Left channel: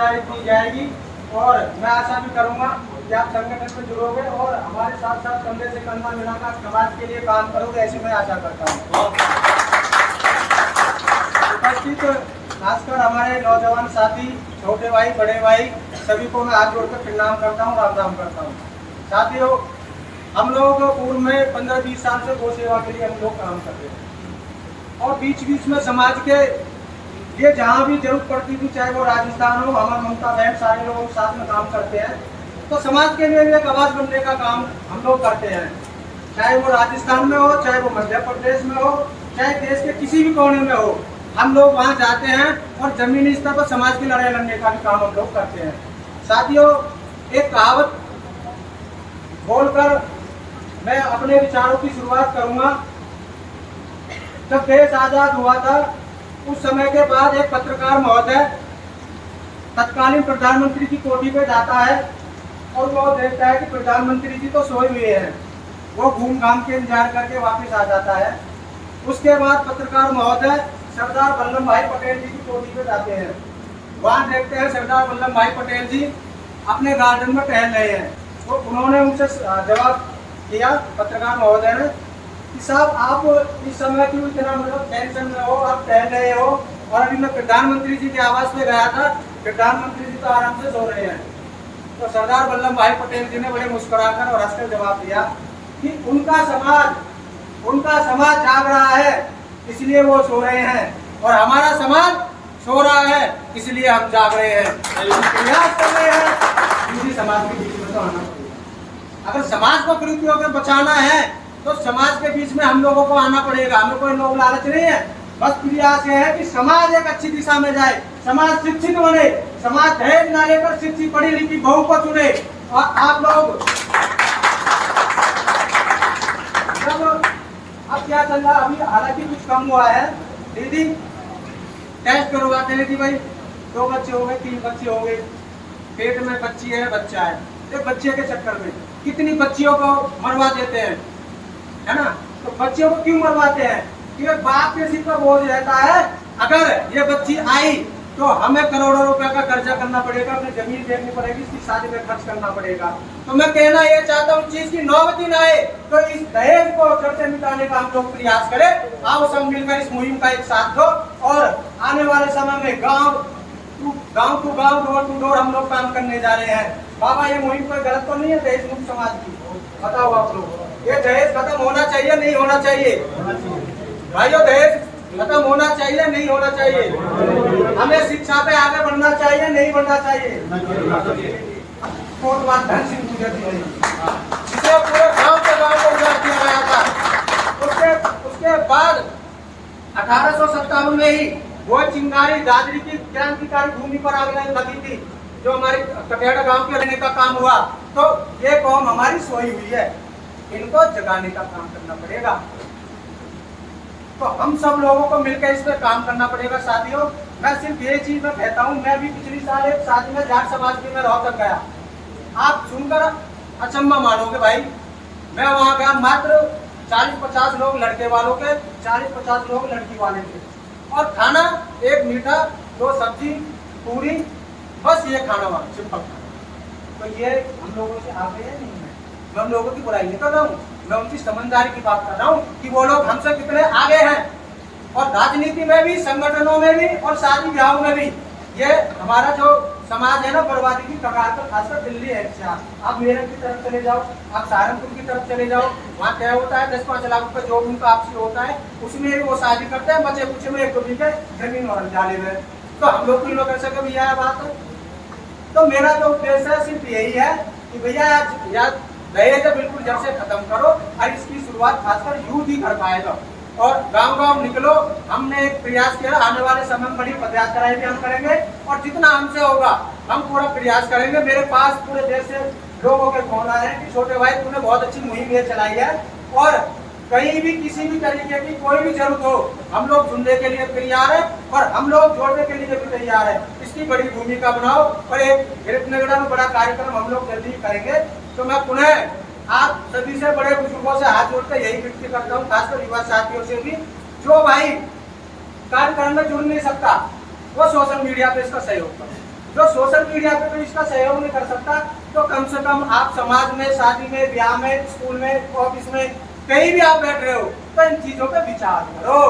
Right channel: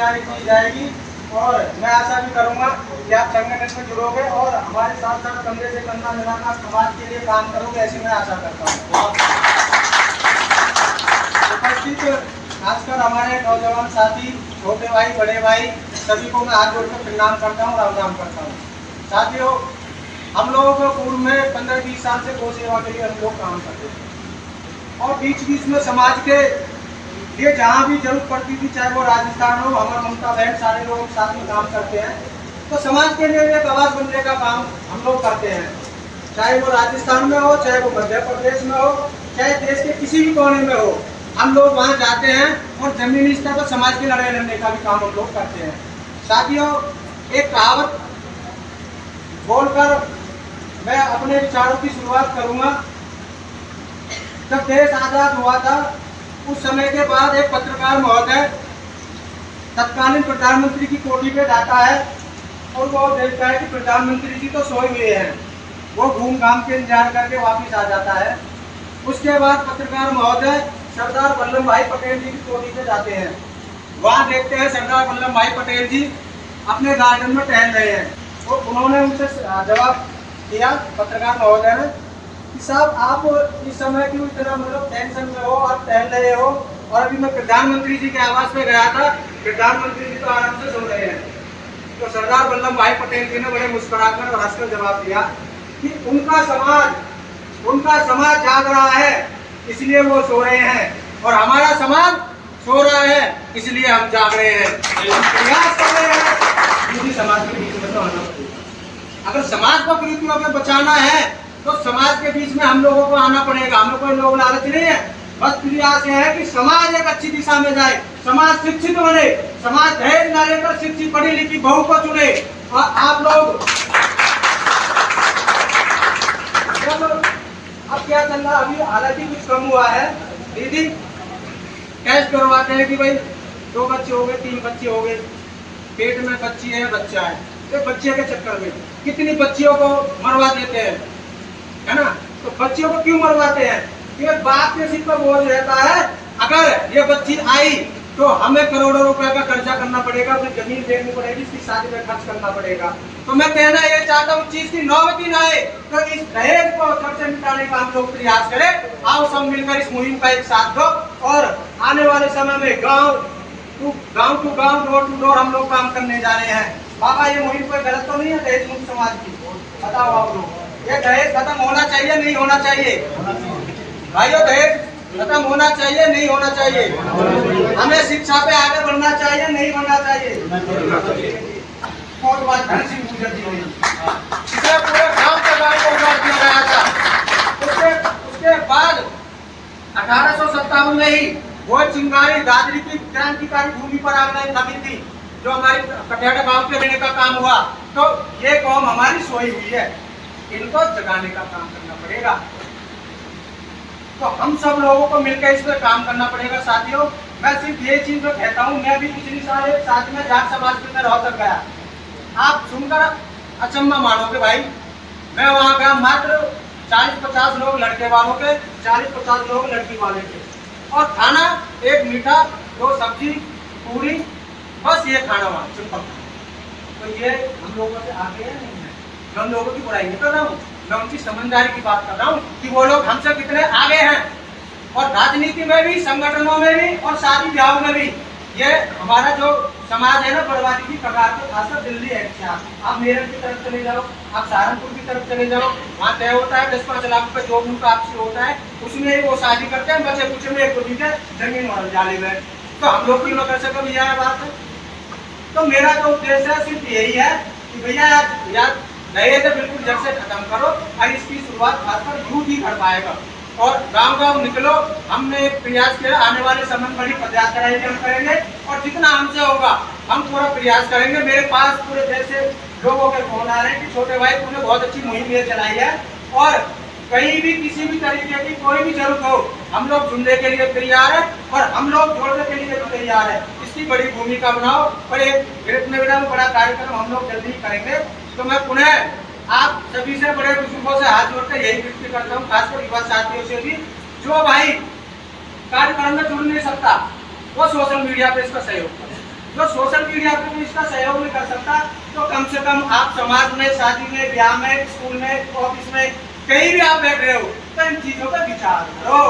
भागीदारी की जाएगी और मैं आशा भी करूंगा कि आप संगठन में जुड़ोगे और हमारे साथ साथ कंधे से कंधा मिलाकर समाज के लिए काम करोगे, ऐसी मैं आशा करता हूँ। उपस्थित खासकर हमारे नौजवान साथी, छोटे भाई, बड़े भाई, सभी को मैं हाथ जोड़कर प्रणाम करता हूँ, राम राम करता हूँ। साथियों, हम लोग पूर्व में 15-20 साल से गौ सेवा के लिए हम लोग काम करते हैं और बीच बीच में समाज के लिए जहाँ भी जरूरत पड़ती थी, चाहे वो राजस्थान हो, हमारे ममता बहन सारे लोग साथ में काम करते हैं, तो समाज के लिए एक आवाज बनने का काम हम लोग करते हैं। चाहे वो राजस्थान में हो, चाहे वो मध्य प्रदेश में हो, चाहे देश के किसी भी कोने में हो, हम लोग वहाँ जाते हैं और जमीनी स्तर पर समाज की लड़ाई लड़ने का भी काम हम लोग करते हैं। साथियों, एक कहावत बोलकर मैं अपने विचारों की शुरुआत करूंगा। जब देश आजाद हुआ था, उस समय के बाद एक पत्रकार महोदय तत्कालीन प्रधानमंत्री की कोठी पे जाता है और वो देखता है कि प्रधानमंत्री जी तो सोए हुए हैं। वो घूम घाम के इंतजार करके वापस आ जाता है। उसके बाद पत्रकार महोदय सरदार वल्लभ भाई पटेल जी की कोठी पे जाते हैं। वहाँ देखते हैं सरदार वल्लभ भाई पटेल जी अपने गार्डन में टहल रहे हैं। तो उन्होंने उनसे जवाब दिया, पत्रकार महोदय ने, कि साहब आप इस समय क्यों इतना टेंशन में हो, आप टहल रहे हो, और अभी मैं प्रधानमंत्री जी के आवास पे गया था, प्रधानमंत्री जी तो आराम से सो रहे हैं। तो सरदार वल्लभ भाई पटेल जी ने बड़े मुस्कुराकर और हंसकर जवाब दिया कि उनका समाज जाग रहा है, इसलिए वो सो रहे हैं, और हमारा समाज सो रहा है, इसलिए हम जाग रहे हैं, प्रयास कर रहे हैं। इसी समाज के बीच में तो आना पड़ेगा। अगर समाज को कुरीतियों में बचाना है तो समाज के बीच में हम लोगों को आना पड़ेगा। हमें कोई लोग लालच नहीं है, बस प्रयास ये है कि समाज एक अच्छी दिशा में जाए, समाज शिक्षित बने, समाज दहेज न लेकर शिक्षित पढ़ी लिखी बहू को चुने। और आप लोग अब क्या चल रहा, अभी हालांकि कुछ कम हुआ है, दीदी टेस्ट करवाते हैं कि भाई 2 बच्चे हो गए, 3 बच्चे हो गए, पेट में बच्ची है, बच्चा है, एक बच्चे के चक्कर में कितनी बच्चियों को मरवा देते हैं, है ना। तो बच्चियों को क्यों मरवाते हैं? कि बाप के सिर पर बोझ रहता है, अगर ये बच्ची आई तो हमें करोड़ों रुपए का कर्जा करना पड़ेगा, अपनी जमीन देखनी पड़ेगी, इसकी शादी में खर्च करना पड़ेगा। तो मैं कहना ये चाहता हूँ, चीज की नौबत ही ना आए, तो इस दहेज को जड़ से मिटाने का हम लोग प्रयास करें। आओ सब मिलकर इस मुहिम का एक साथ दो, और आने वाले समय में गाँव टू गाँव, डोर टू डोर हम लोग काम करने जा रहे हैं। बाबा, ये मुहिम कोई गलत तो नहीं है दहेज मुक्त समाज की? बताओ आप लोग, ये दहेज खत्म होना चाहिए, नहीं होना चाहिए? भाइयों, दहेज खत्म होना चाहिए, नहीं होना चाहिए? हमें शिक्षा पे आगे बढ़ना चाहिए, नहीं बढ़ना चाहिए? कोटवाल धन सिंह गुर्जर जी ने, जिसे पूरे गांव के गांव को उजाड़ दिया गया था। उसके बाद 1857 में ही वो चिंगारी दादरी की क्रांतिकारी भूमि पर आग लगी थी, जो हमारी कटियाड़ा गांव के रहने का काम हुआ। तो ये कौम हमारी सोई हुई है, इनको जगाने का काम करना पड़ेगा। तो हम सब लोगों को मिलकर इस पर काम करना पड़ेगा। साथियों, मैं सिर्फ ये चीज में कहता हूँ, मैं भी पिछली साल एक शादी में जाट समाज में रोहतक गया। आप सुनकर अचंभा मानोगे भाई, मैं वहाँ गया, मात्र 40-50 लोग लड़के वालों के, 40-50 लोग लड़की वाले के, और खाना एक मीठा, 2 सब्जी, पूरी, बस ये खाना वहाँ सिंपल खाना। तो ये हम लोगों से आगे है नहीं है? मैं उन लोगों की बुराई नहीं कर रहा हूँ, मैं उनकी समझदारी की बात कर रहा हूँ कि वो लोग हमसे कितने आगे हैं। और राजनीति में भी, संगठनों में भी, और शादी ब्याह में भी ये हमारा जो समाज है ना, बर्बादी की कगार पर, खासकर दिल्ली है। आप मेरठ की तरफ चले जाओ, आप सहारनपुर की तरफ चले जाओ, वहाँ तय होता है 10-5 लाख रुपए जो उनका आपसी होता है, उसमें ही वो शादी करते हैं, बच्चे कुछ में 1-2 बीघे जमीन और जाले में। तो हम लोग क्यों कर सके भैया? यह बात है। तो मेरा जो उद्देश्य है सिर्फ यही है कि भैया यार दहेज बिल्कुल जड़ से खत्म करो, और इसकी शुरुआत खासकर यूथ ही कर पाएगा। और गांव गांव निकलो, हमने एक प्रयास किया, आने वाले समय में बड़ी पदयात्रा भी हम करेंगे, और जितना हमसे होगा हम पूरा प्रयास करेंगे। मेरे पास पूरे देश से लोगों के फोन आ रहे हैं कि छोटे भाई तूने बहुत अच्छी मुहिम ये चलाई है, और कहीं भी किसी भी तरीके की कोई भी जरूरत हो, हम लोग जुड़ने के लिए तैयार है, और हम लोग जोड़ने के लिए भी तैयार है। इसकी बड़ी भूमिका बनाओ, और एक गिरफ्त में बड़ा कार्यक्रम हम लोग जल्दी करेंगे। तो मैं पुनः आप सभी से, बड़े बुजुर्गों से हाथ जोड़कर यही विनती करता हूँ, खासकर युवा साथियों से भी, जो भाई कार्यक्रम में जुड़ नहीं सकता वो सोशल मीडिया पे इसका सहयोग करे। जो सोशल मीडिया पे तो इसका सहयोग नहीं कर सकता, तो कम से कम आप समाज में, शादी में, ब्याह में, स्कूल में, ऑफिस में, कहीं भी आप बैठ रहे हो तो इन चीजों पर विचार करो,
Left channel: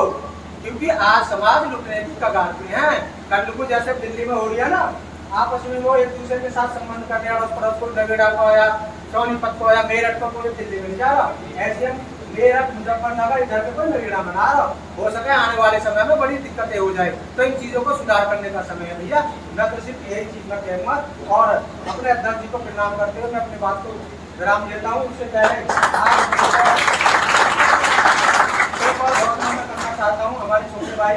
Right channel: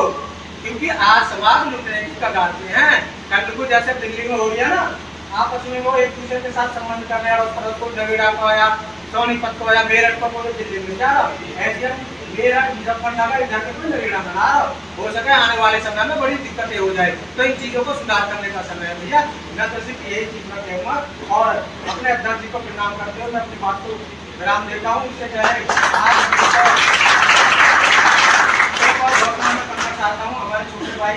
क्योंकि आज समाज लुटने की कगार पे हैं। कल को जैसे दिल्ली में हो रही है ना, आपस में वो एक दूसरे के साथ संबंध कर रहे हैं, उस पर कोई नगेड़ा को या सोनीपत को या मेरठ को कोई दिल्ली में जा रहा, ऐसे मेरठ मुजफ्फरनगर इधर के कोई नगेड़ा बना रहा हो सके आने वाले समय में बड़ी दिक्कतें हो जाए, तो इन चीजों को सुधार करने का समय है भैया। मैं तो सिर्फ यही चीज में कहूँगा और अपने अध्यक्ष जी को प्रणाम करते हुए मैं अपनी बात को विराम देता हूँ। उससे पहले आज एक और घोषणा मैं करना चाहता हूँ। हमारे छोटे भाई